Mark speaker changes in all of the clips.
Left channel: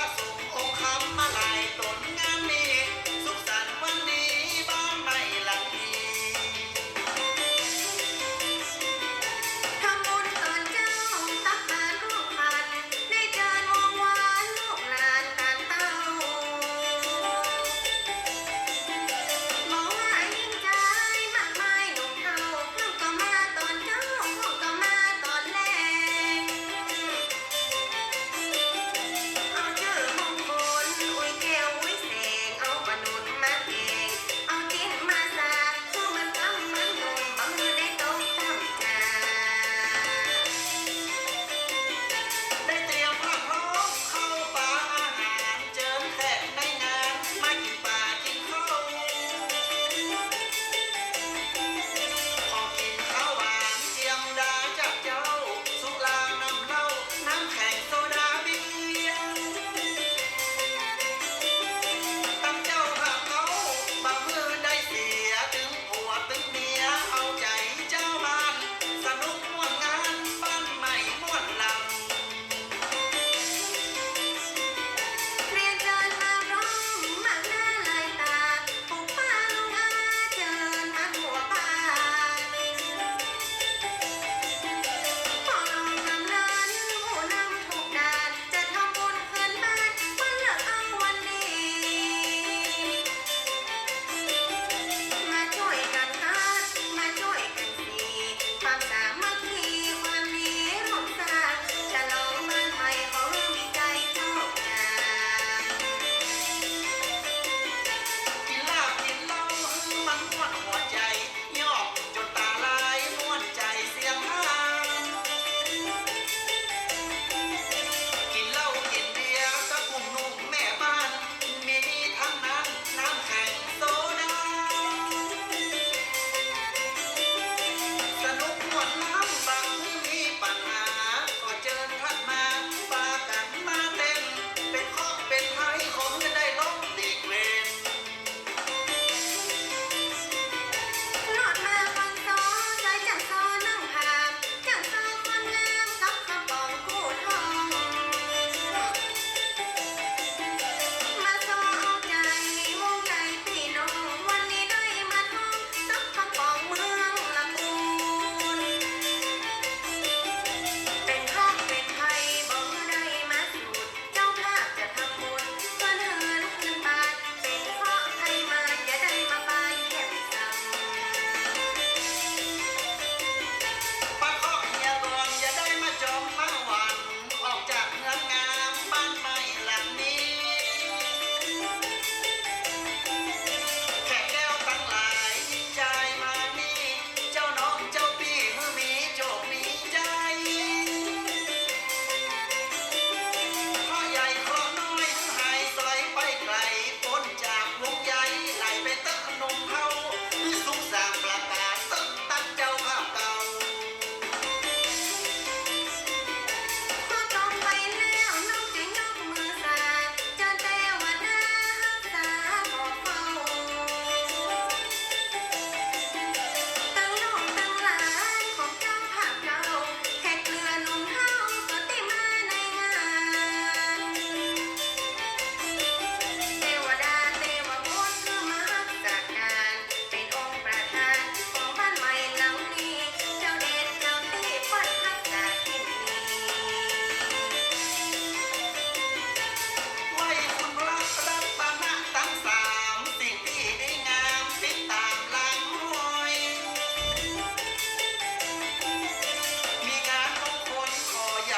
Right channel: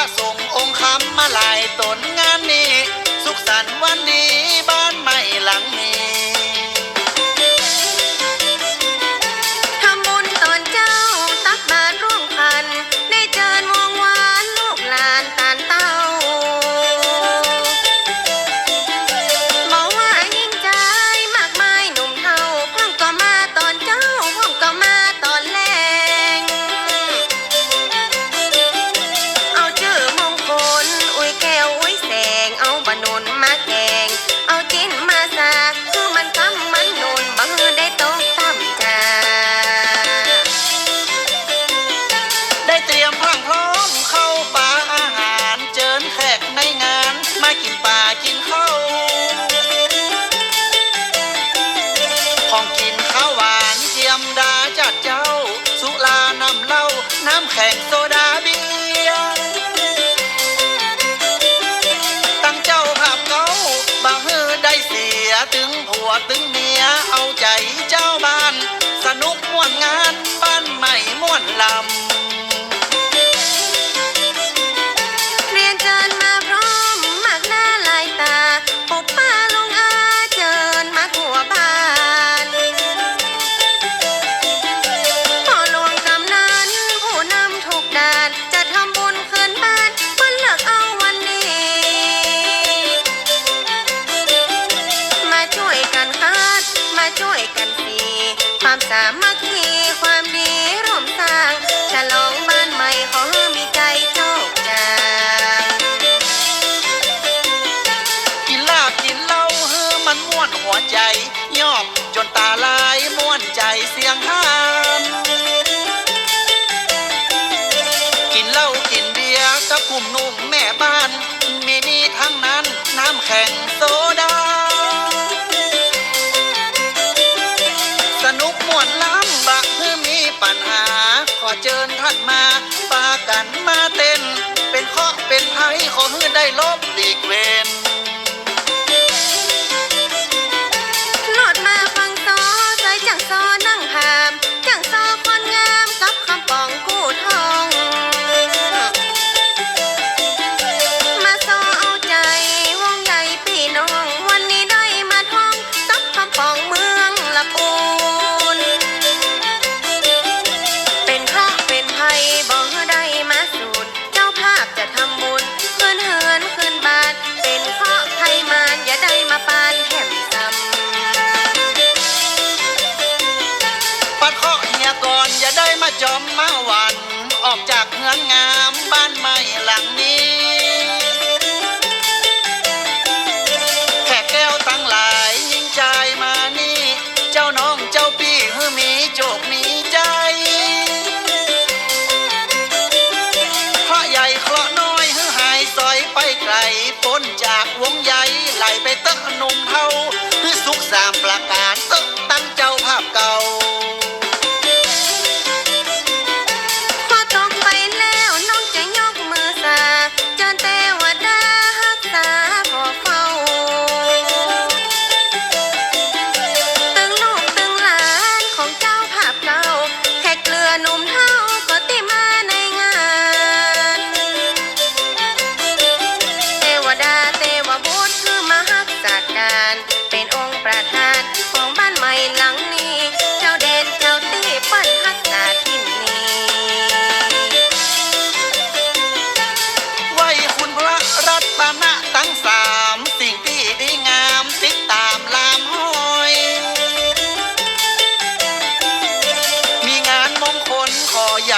Speaker 1: พระสงฆ์องค์คำมา
Speaker 2: ลายตนงานนี้ สุขสัน
Speaker 1: ต์วันดี วยกันสิความสามัคคี
Speaker 2: เจิญท่านมาปากันมาเต้น เป็นเคาะเป็นไพ่ขอให้ได้ลบ
Speaker 1: ดีกเวน จอมมา
Speaker 2: วันออกจากเมืองงามบ้านใหม่หลังนี้แก้วตั้งหลใจมานี่ เจ้าน้องเจ้าพี่ฮือมีจกมีใจเระใหญ่เคราะน้อยฮือหายซอยไปไกลพ้นจากวงใหญ่ไหลไปเตะนมเท่าฮือสุก
Speaker 1: สามปรา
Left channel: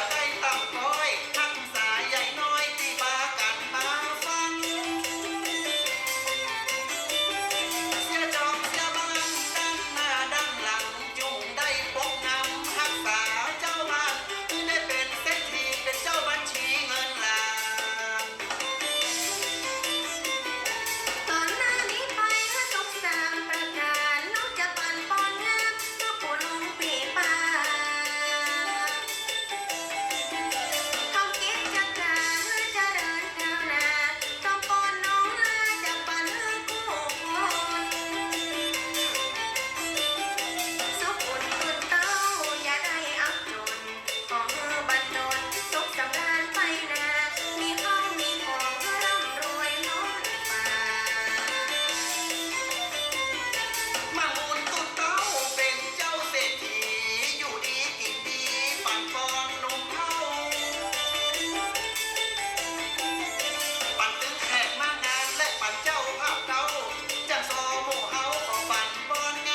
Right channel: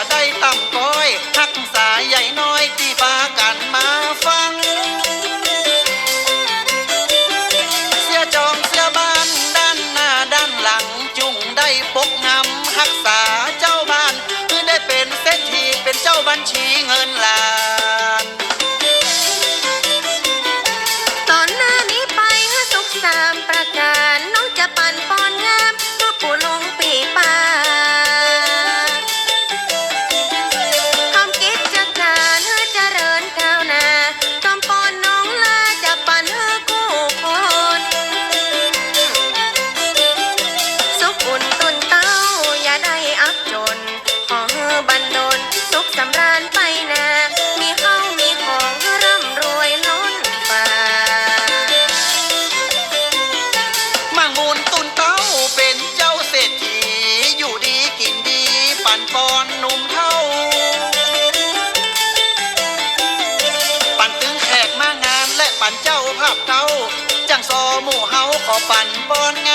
Speaker 1: ได้
Speaker 2: ตา ปั่นป
Speaker 1: อน